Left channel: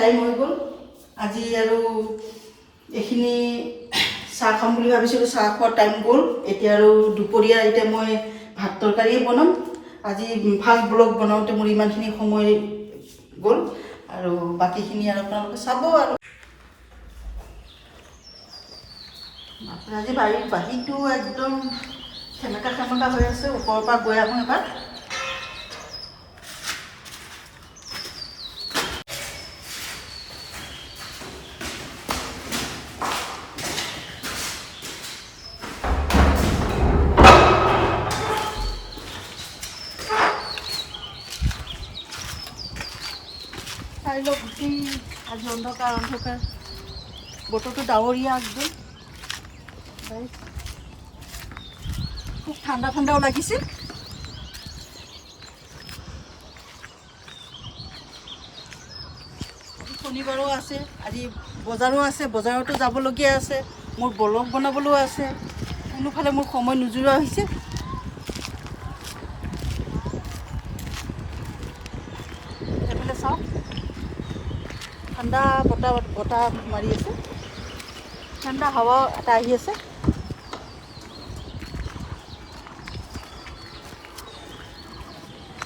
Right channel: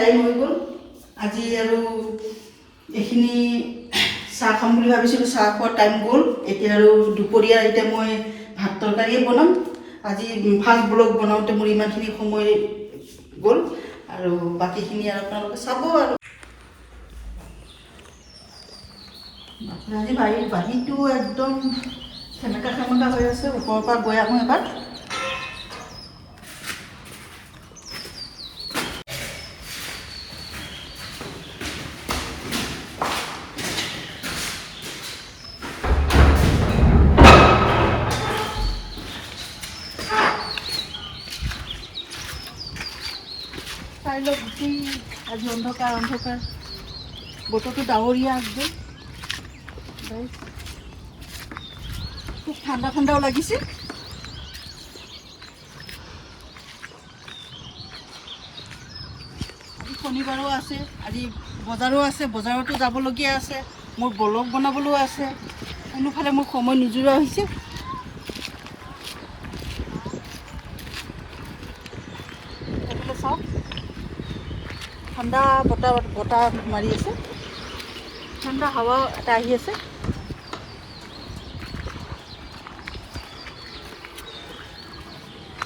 Time হৈ গ'ল আজি আৰু এইখিনি চাহ খাম বুলি ভাবিছিলোঁ, চাহ খোৱাৰ টাইম গ'ল। এতিয়া আৰু দুপৰীয়া এতিয়া মই ভাত তৰকাৰী বনাম। আজি ফাৰ্ষ্ট ব্লগ বনাওঁতে মোৰ ইমানখিনি সময় গ'ল আৰু বাকীখিনি আৰু আপোনালোকে চাব আৰু। আজি বাহিৰটো একদম সেমেকা হৈ আছে। ওপৰৰ পৰা গৈ আহোঁ এবাৰ। চাই লওক গোটেই আজি অন্ধকাৰ বতৰটো ডাৱৰীয়া একদম। খুব ঠাণ্ডাও লাগিছিল। আজি শনিবাৰো আছে, আজি বজাৰো আছে, বজাৰতো যাবলগীয়া আছে, মোৰ ব্লগ বনাবলৈও আছে। কোনোফালে মোৰ সময় নোযোৰা হৈছে। এইফালে চাওক, ঠাণ্ডা বতাহ মাৰি আছে, ঠাণ্ডা হাৱা এটা আহি আছে।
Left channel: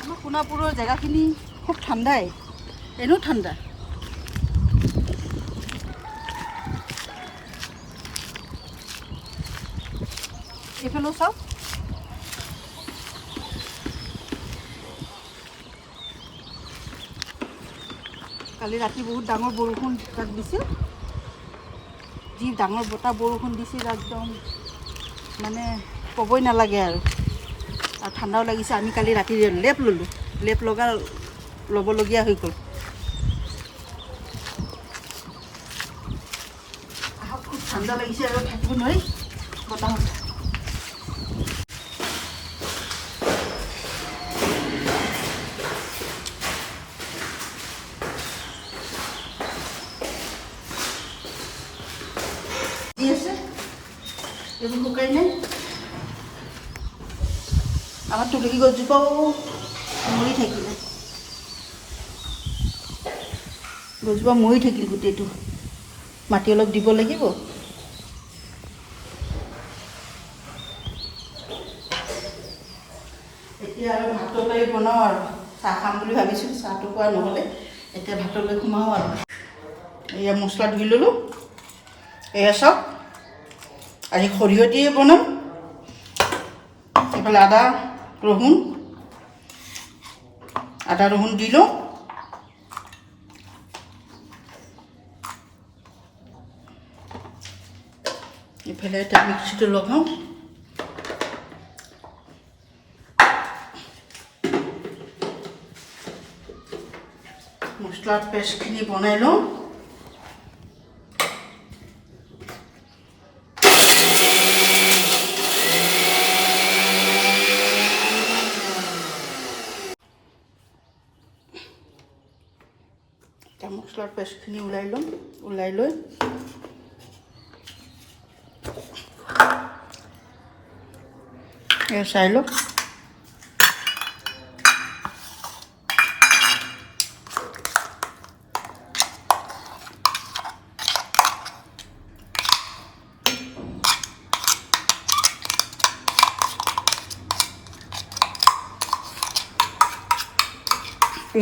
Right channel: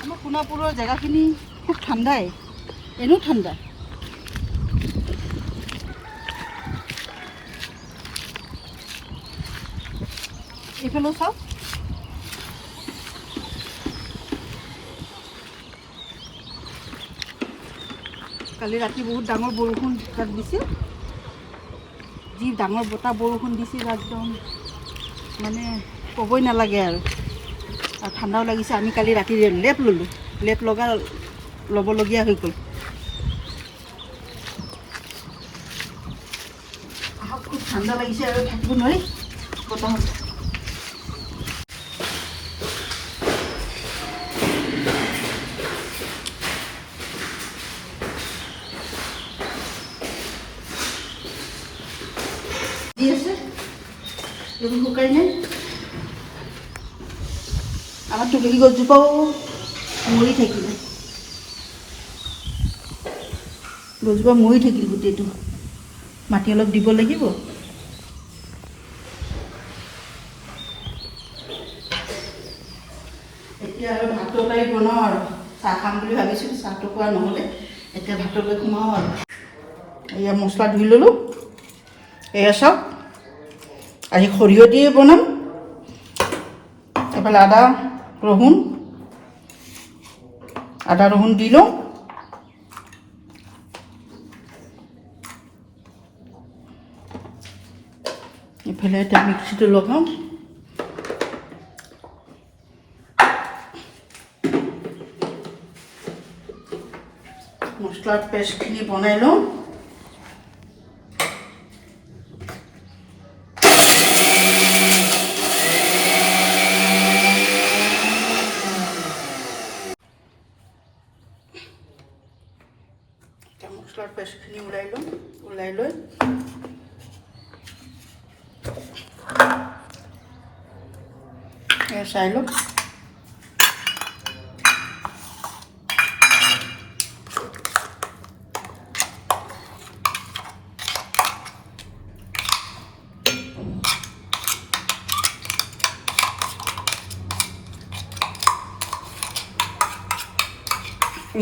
আমাৰ সোণাপুৰৰ জেগাখিনি খুব ঠাণ্ডাই, এনেও ঠাণ্ডা। এইফালে চাওক, কালি ৰাতি বহুত ডাঙৰ বৰষুণ তাত দিছিল। যি ডাঙৰ বৰষুণ দিছিল একদম মানে ক'বই নালাগে আৰু ঠাণ্ডাও লাগিছে। আমি কালি ৰাতি লেপ ল'লোঁ, ল'বলগীয়া হৈ গ'ল। আহক, খুব ঠাণ্ডা লাগিছে আৰু থাকিব নোৱাৰি বতাহত। এইবোৰ শুকাই নাই। আমাৰ তুলসী গছজোপাও মৰি থাকিলে, গছজোপা মৰি থাকিল গোটেইটো। মাটি অলপ দিব লাগিব। এতিয়া আৰু ভাত তৰকাৰী বনাওঁ আৰু চাহ খাম বুলি ভাবিছিলোঁ, চাহটো খোৱা নহ'লে। এতিয়া ভাত তৰকাৰী সোমাওঁ আৰু। এয়া মছলা ধুই ল'লোঁ। এয়া চাওক, আজি সৰিয়হ দিয়ে বনাম। এইফালে আদা ৰহুন দি লওঁ। এইফালে এটা মিক্সিটো লগাওঁ। মছলাৰ পেষ্টখিনি বনাই লওঁ। মছলাৰ পেষ্টখিনি ওলাই লৈ চাই লওক।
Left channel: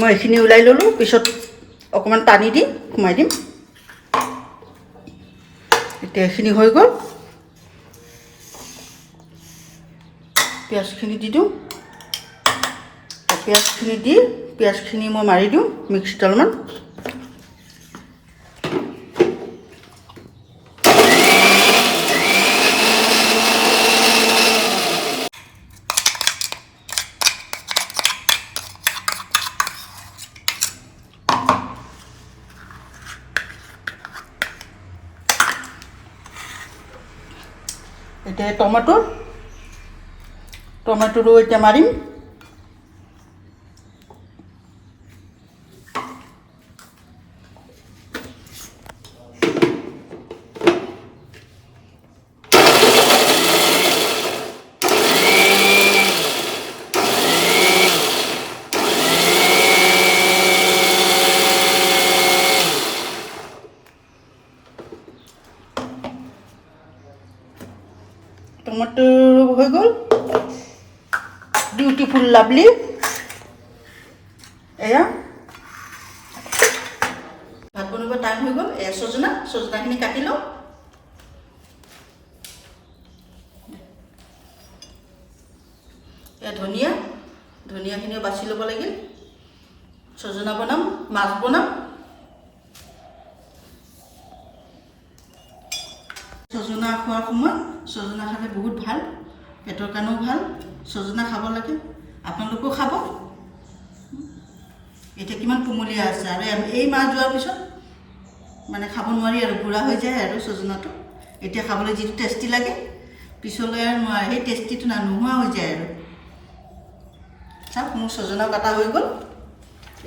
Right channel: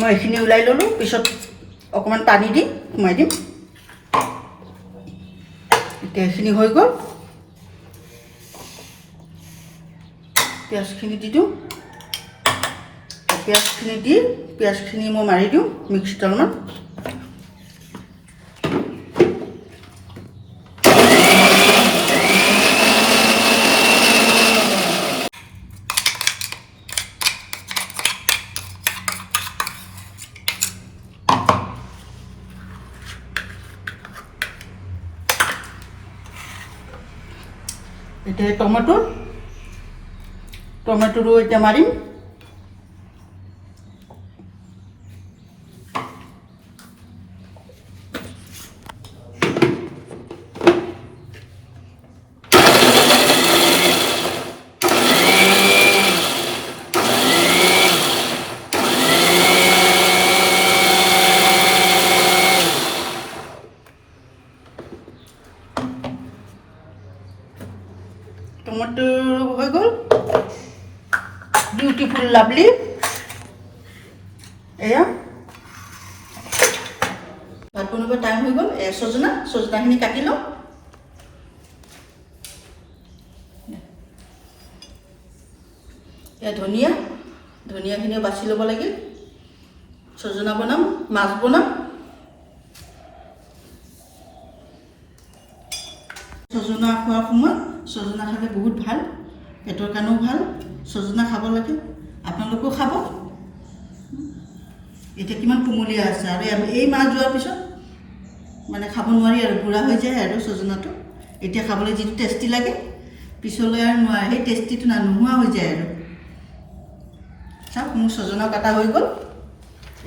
মই এইখিনি ওলাই ল'লোঁ, পিছত অকণমান পানী দি সোমাই দিম। এতিয়া এইখিনি হৈ গ'ল। পিঁয়াজখিনি দি দিওঁ। পিঁয়াজখিনি মই মাৰি দিওঁ মিক্সিত অলপমান। এতিয়া টমেটোৰো এতিয়া মাৰিম। টমেটো হৈ গ'ল, বিউটিফুল লাভলি। এয়া ভাত বনাব টাইম হৈ গ'ল। সজনাখিনি কাটি লওঁ। এয়া ধনিয়াখিনিও বাছি ল'ব লাগিল। সজনা বনাম, মাছ বনাম। সজনা খোৱাৰ সময়ত সজনা খালে বহুত ভাল, পেটৰ কাৰণেও ভাল। সজনা খাব লাগে, আপোনালোকেও খাব। এতিয়া কিমান কুমলীয়া আছে, আৰু এই মাছ যোৱাৰ পিছত মানে খাব নোৱাৰি আৰু, বুঢ়া হৈ যায় আৰু সজনাটো। এতিয়া খাবলৈ যিটো টেষ্টি লাগে, পিছলৈ আৰু নোৱাৰে, সেই টেষ্টিটো নোহোৱা হৈ যায় আৰু। চাওক, মোৰ সজনা কাটা হৈ গ'ল।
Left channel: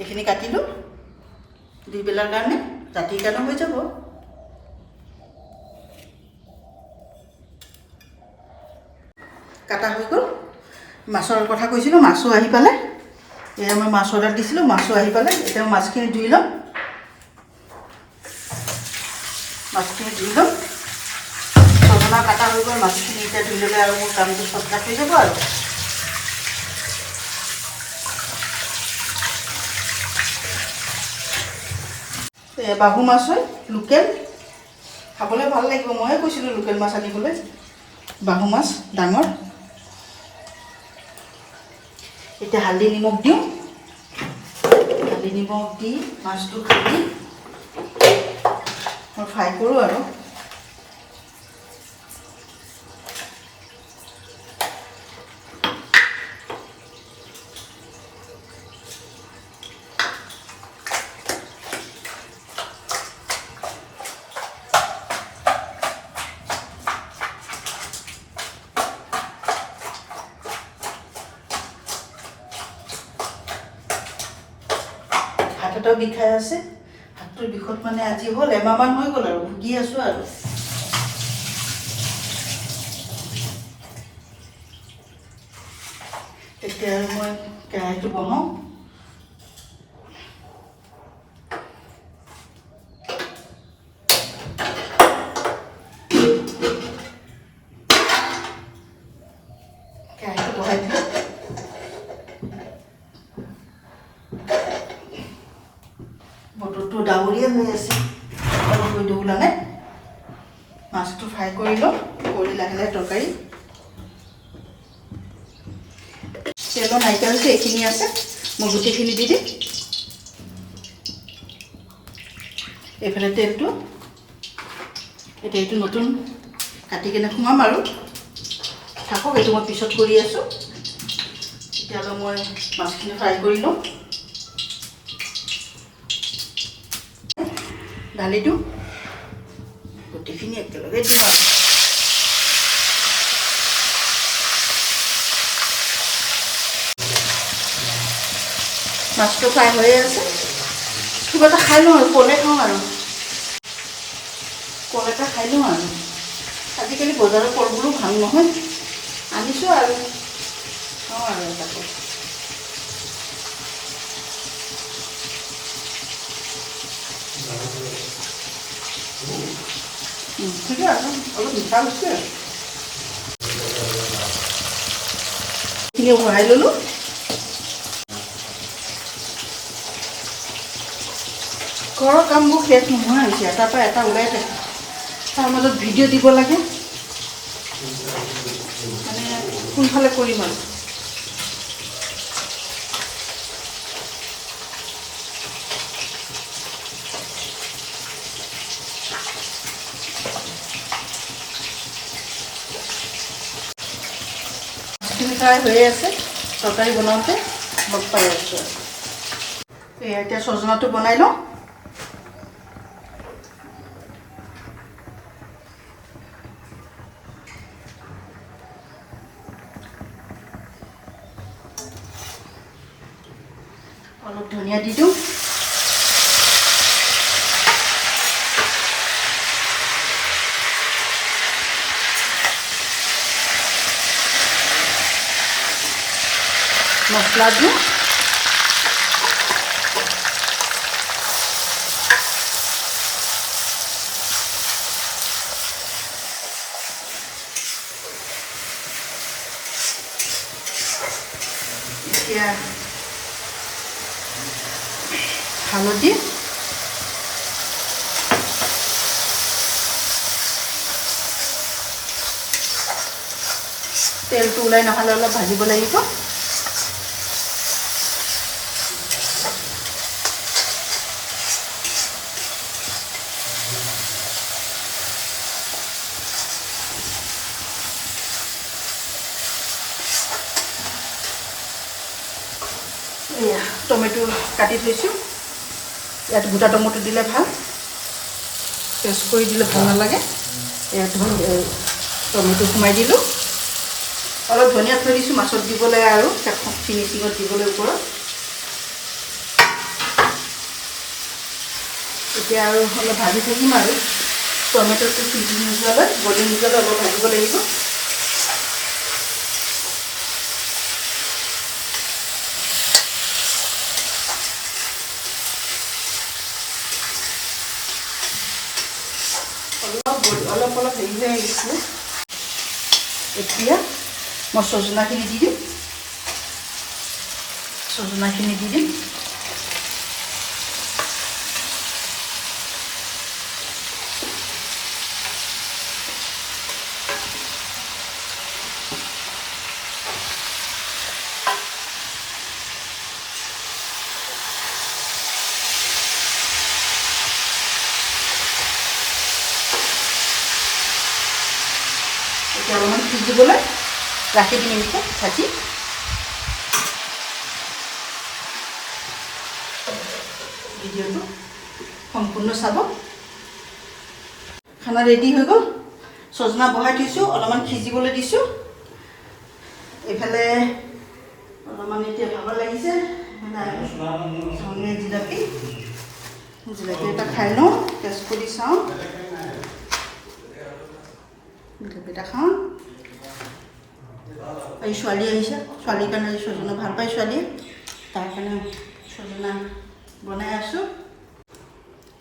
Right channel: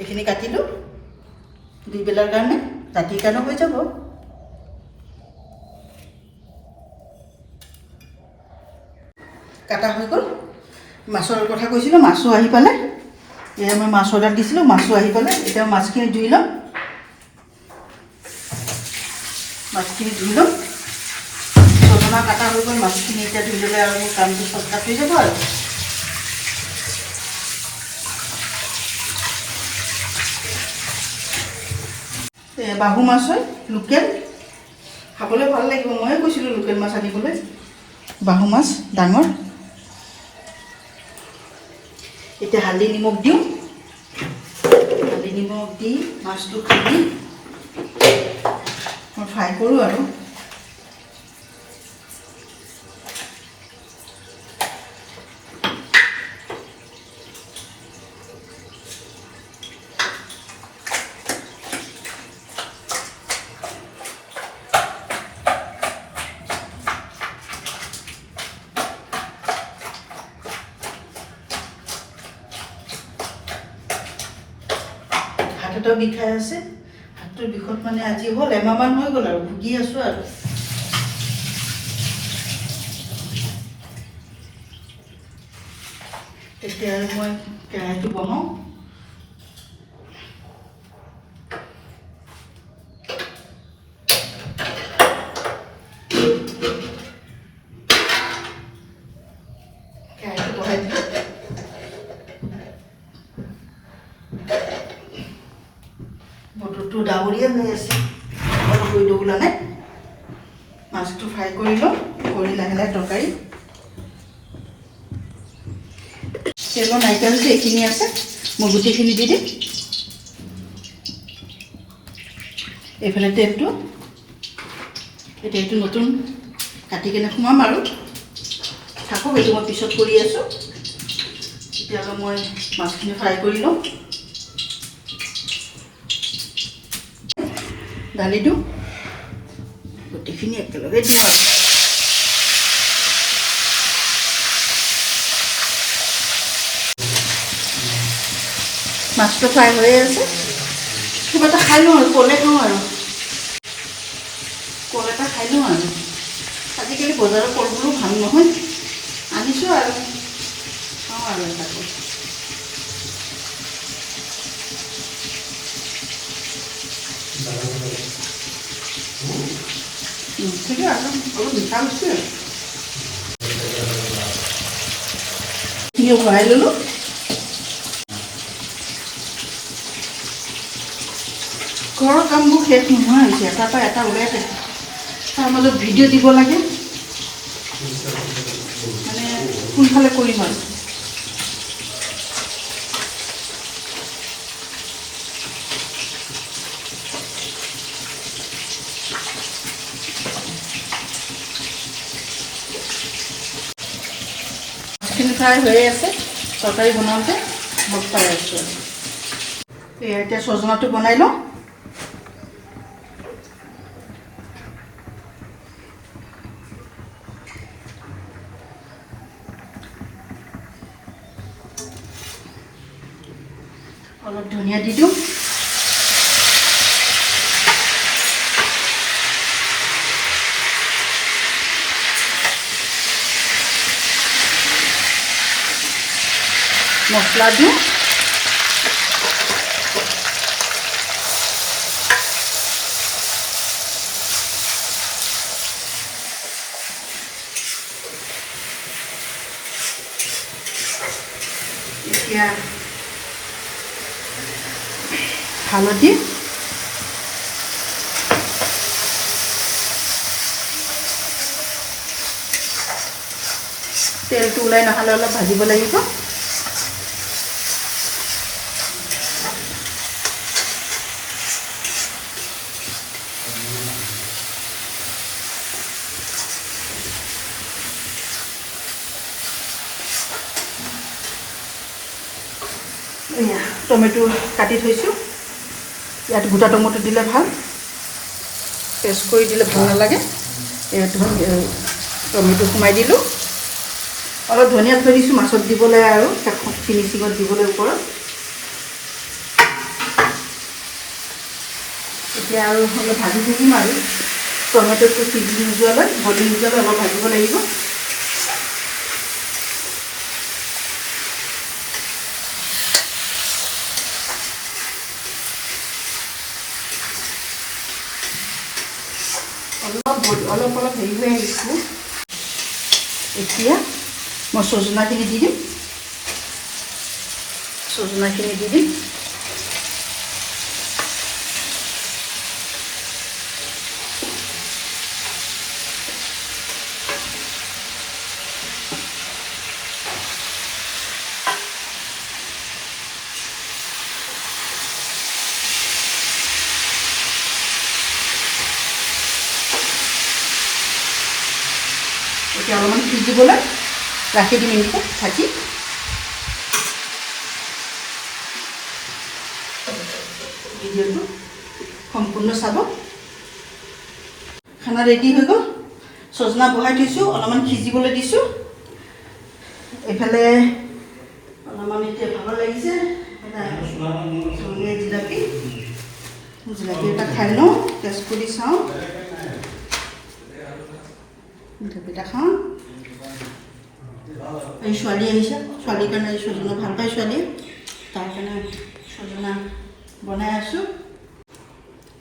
এইখিনি কাটিলোঁ দুইবেলাৰ কাৰণে, ৰাতিৰ কাৰণেও হৈ যাব। কাটা হৈ গ'ল। মাছৰ কথা কৈছিলোঁ, মাছো আহি পালে। এয়া মই মাছ অৰ্ডাৰ দিছিলোঁ, মাছো আহি পালে। এতিয়া মাছখিনি ধুই ল'ম। সজনা কাটা হৈ গ'ল, মাছখিনি এতিয়া ধুই ল'লে আৰু মোৰ কামটো চৰ্টকাট হৈ যাব আৰু। বাহু মাছ হয়, লোকেল, খাবলৈ ভাল লাগিব। ময়ে কৈছিলোঁ লোকেল মাছ আনিবলৈ। বাহু মাছ ডাঙৰ। এতিয়া হালধি নিমখ দিওঁ। হালধি নিমখ দি মাছটো খুন্দি মই ফ্ৰাই কৰোঁ আৰু। হাত এটাও বিষাই আছে। হাতটোৰ বিষত মানে আজি হ'ল এমাহমান হৈ গ'ল আৰু, ভুগি আছোঁ আৰু। তেতিয়া মই কেৰাহীটো বহাওঁ। কেৰাহীটো বহাই দিওঁ। বতৰটো ডাৱৰীয়া হৈ আছে, অলপ ৰ'দ ওলালে। মাছটো ফ্ৰাই কৰি লওঁ, কৰি লাহে লাহে তৰকাৰী। তেলৰ নাইকিয়া হৈছে, এইখিনি আছে, মই গোটেইখিনি দি দিম। এইফালে তেলটো, এতিয়া এইটো নতুন কাটি কেনে সোমাম আৰু। থাকক, এইটো মই পিছত কৰি আছোঁ। তেতিয়াহ'লে মই মাছখিনি ফ্ৰাই কৰি লওঁ। দালিটো গোটেইখিনি একেলগে দিওঁ আৰু। মাছটো ফ্ৰাই হৈয়ে আছে। কিবা এটা খাই লওঁ আৰু, কলে খাওঁ আৰু। কল এটা খাই লওঁ আৰু। আজিকালি বজাৰৰ কলবোৰো ভাল নহয়, আনিছোঁ আৰু খাওঁ আৰু এটা কল। ঠিক আছে, অলপ মিঠা হৈছে আৰু। এইখিনি ভৰাই ল'লোঁ। ঘৰৰ কামবোৰ শেষ নোহোৱা হৈছে, এটাৰ পৰা এটা ওলাই থাকে। তাৰ মাজত ভিডিঅ' দিব লাগে, মানে সোনকালে কৰিম আৰু। ফ্ৰাই হৈয়ে আছে, তৰকাৰী বনাওঁতে মই পাই আছোঁ। এতিয়া সজনাটো বনাই লওঁ। অলপ ধনিয়া দি দিওঁ। মছলা দিওঁ। এতিয়া হালধি, তেলটো ওলাই নহ'লে অলপ ভাজিব লাগিব। এয়া টমেটো কাটি থৈছোঁ। ইয়াত গোটা টমেটো দিলে ভাল, পেষ্ট কৰি দিলে ভাল নালাগে। ইয়াত টমেটো সোমাই দিলোঁ। অলপ ধনিয়া থৈ দিছোঁ মাছত দিবলৈ আৰু ফিনিচিঙত দিবলৈ ওপৰত। এতিয়া আৰু অলপ ভাজি থাকিম আৰু টমেটোটো সিজি নোযোৱালৈ, গলি নোযোৱালৈ অলপ ভাজিব লাগিব। অলপ হেৰি হৈ আহিছিলে। এতিয়া মই সজনাখিনি দি দিম। সজনাখিনি দি দিম। এতিয়া অলপমান সিজিবলৈ ৰাখি দিম এনেকৈ ঢাকি। ভিডিঅ'টো সম্পূৰ্ণ চাব। খানা ৰেডি হৈ গ'ল। সজনা বহাই থৈছোঁ, অলপমান সিজিবলৈ দিছোঁ। এইফালে অলপমান এতিয়া ভালো লাগিছে। জিলাপি এটা খাই লওঁ, টেষ্ট কৰি চাওঁ। জিলাপিটা খাওঁ। এই ছোৱালী আহিছে, ছোৱালীৰ কাৰণে সজনা ভাল পায় ছোৱালী, তাৰ কাৰণে সজনা বনাই আছোঁ।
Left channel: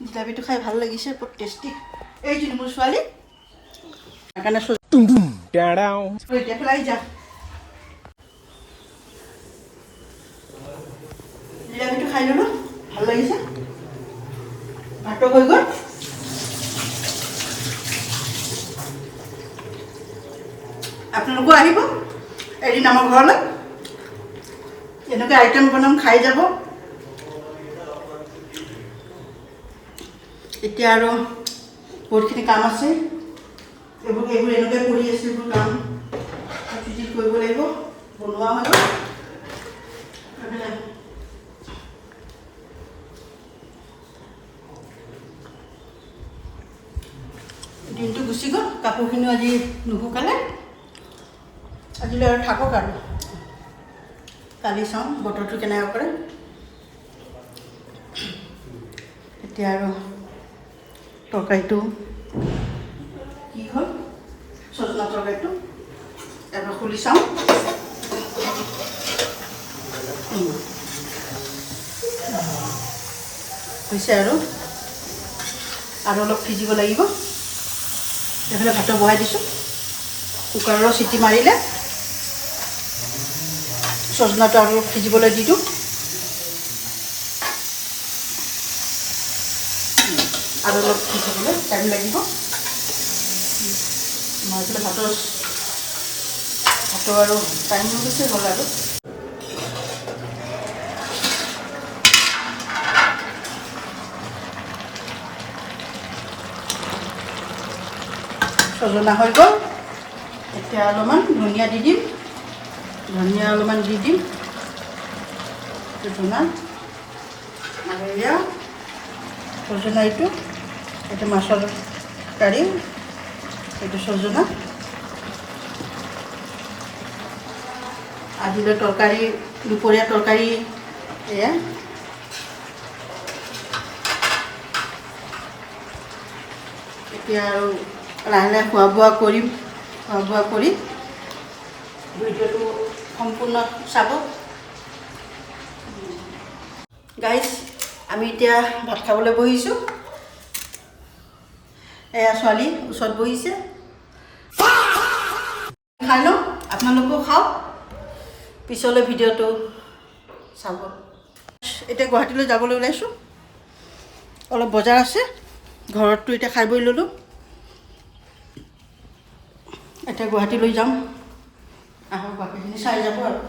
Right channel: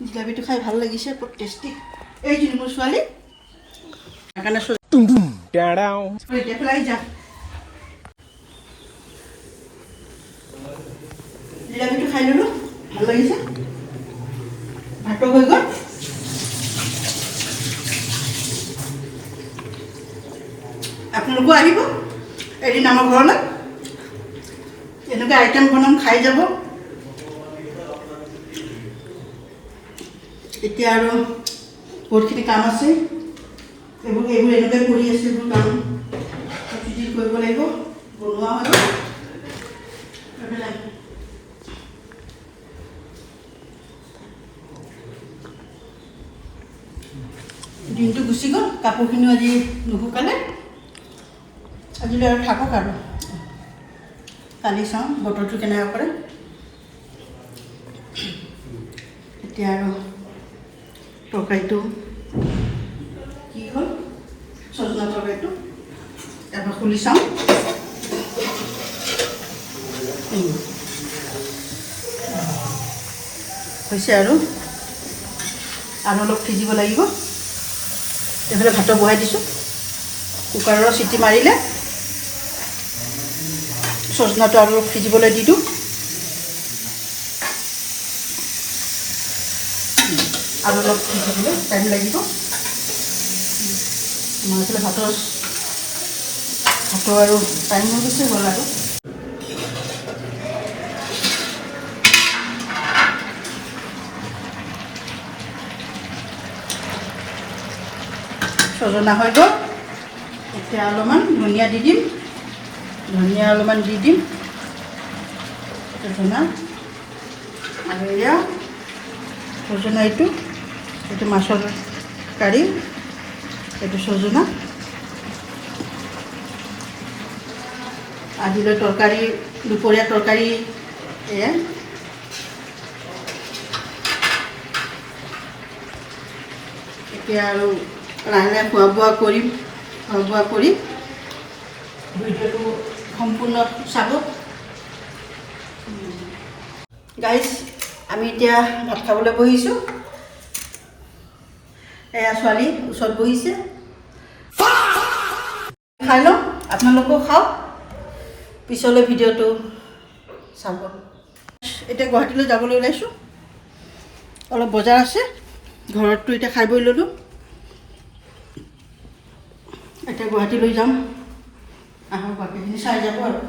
জিলাপিটো খাই ভাল লাগিছে, বহুত টেষ্টি। এই যে মোৰ ছোৱালী, তাৰ কাৰণে এতিয়া পেলাই যাম। জিলাপিটো খাই ল'লোঁ, ভাল লাগিছে। ভাতো হৈ গ'ল। আপোনালোকো আহিব এদিন আমাৰ ঘৰলৈ, এনেকুৱা আইটেম বনাম, খাই যাব। এতিয়া আৰু বহুতখিনি কাম আছে, এইবোৰ এনেকৈ কৰি আছে। এইবোৰ কাম কৰিব লাগিব, বনোৱা হ'ব। দিনটো গুচি গ'ল, কাপোৰখিনিও আজি নুশুকালে। আজিলৈ আৰু থাকক আৰু, কালি চাওঁ বতৰটো কেনেকুৱা কৰে। এতিয়া আৰু তৰকাৰীটো কি হ'ল, সজনা তৰকাৰীটো এবাৰ খুলি চাওঁ। হৈছে আৰু অলপ সিজিব লাগিব। এইফালে ভাতো বহাই দিছোঁ। কুকাৰৰ চিটি মাৰিলে সজনাটো আৰু সিজিবলৈ দি দিওঁ। আৰু অলপ সিজিবলৈ টাইম লাগিব। মই এইফালে ভাতো আৰু টাইম হৈ গৈছে হ'ল আৰু। সজনা হৈ গ'ল। এতিয়া অলপমান ধনিয়া দি দিম। ধনিয়া অলপমান দি দিম। সজনা আৰু এয়া সজনা, এইটো মাছৰ কাৰী, এইটো সজনা। আজিলৈ তৰকাৰী, দুপৰীয়া তৰকাৰী এয়া। এতিয়া আৰু লাহে লাহে খোৱা বোৱা কৰিম। খোৱা বোৱা কৰি ভিডিঅ'টো সম্পূৰ্ণ চাব। গাইজ, আমি এতিয়া ভাত খাবলৈ বহিছোঁ। এয়া ছোৱালী ওচৰত বহিছে, খাই লওঁ, আপোনালোকেও খাওক। পিছলৈ ভিডিঅ'টো চাব। এতিয়া গুৱাহাটীলৈ যাবলৈ ওলাইছোঁ, অলপ বজাৰ আছে, ঘৰততো এতিয়া খাই বৈ ল'লোঁ, এতিয়া গুৱাহাটীলৈ যাম, আহক বাকীখিনি চাই যাব আৰু।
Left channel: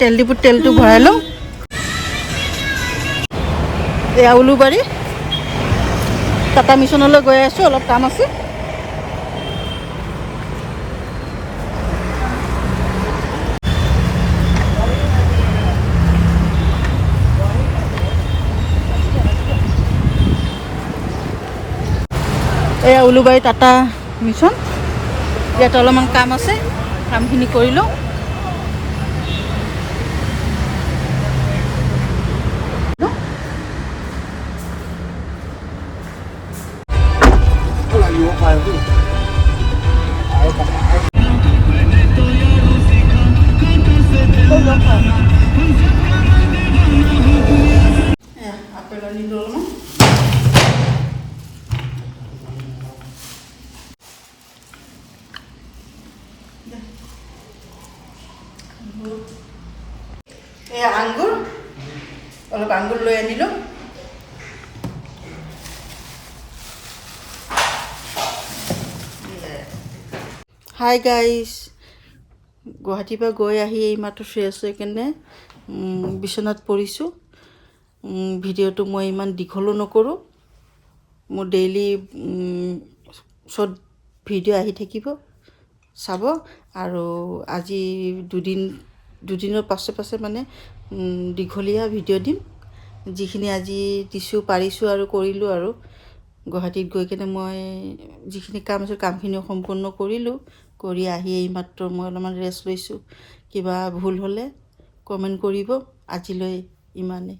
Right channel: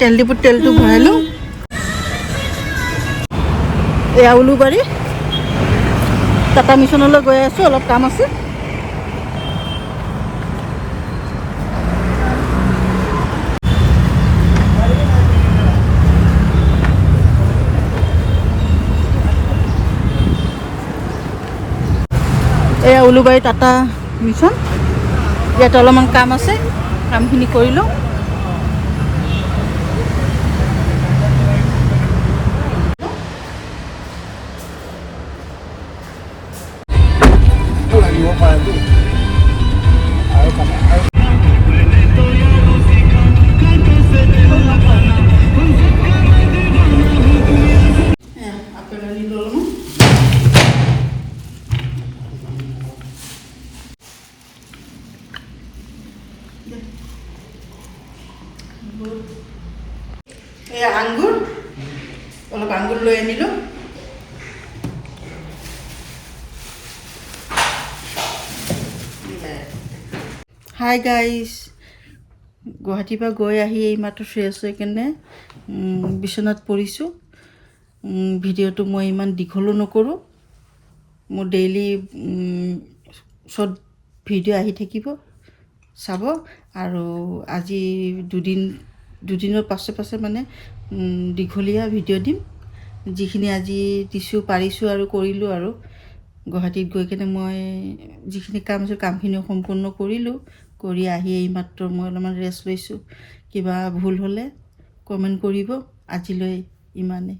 তেল ডিপুত তেলটো ভৰাই লওঁ। এয়া উলুবাৰী টাটা মিছনলৈ গৈ আছোঁ, অলপ কাম আছে। এয়া উলুবাৰী টাটা মিছন, ইয়াতে অলপমান কাম আছে, কামখিনি কৰি লওঁ। আপেল আনিলোঁ অলপমান। এয়া আঙুৰ, অলপ আঙুৰ লৈ আনিলোঁ। হাই গাইজ, গুৱাহাটীৰ পৰা গৈ আহি এইমাত্ৰ ফ্ৰেছ হৈ কেনে বিচনাত পৰিছোঁ। ভিডিঅ'টো মই ইমান দীঘলো নকৰোঁ, মোৰ ডেইলি শ্বৰ্ট ভিডিঅ' আহি থাকিব, চাব। আৰু আজি দুদিনৰ পাছে মানে দীঘলীয়া ভিডিঅ' দিম, যিখিনি আজি দিছোঁ পাৰিছোঁ আৰু কৰিলোঁ। আৰু গুৱাহাটীত গৈ কেনে মই যিখিনি কাম আছে কামখিনি সম্পূৰ্ণ কৰিলোঁ, কৰি আহি এইমাত্ৰ মই অলপমান ৰেষ্ট লৈছোঁ। কিবা ভুল হ'লে কমেণ্ট কৰিব। আজিলৈ ইমানেই।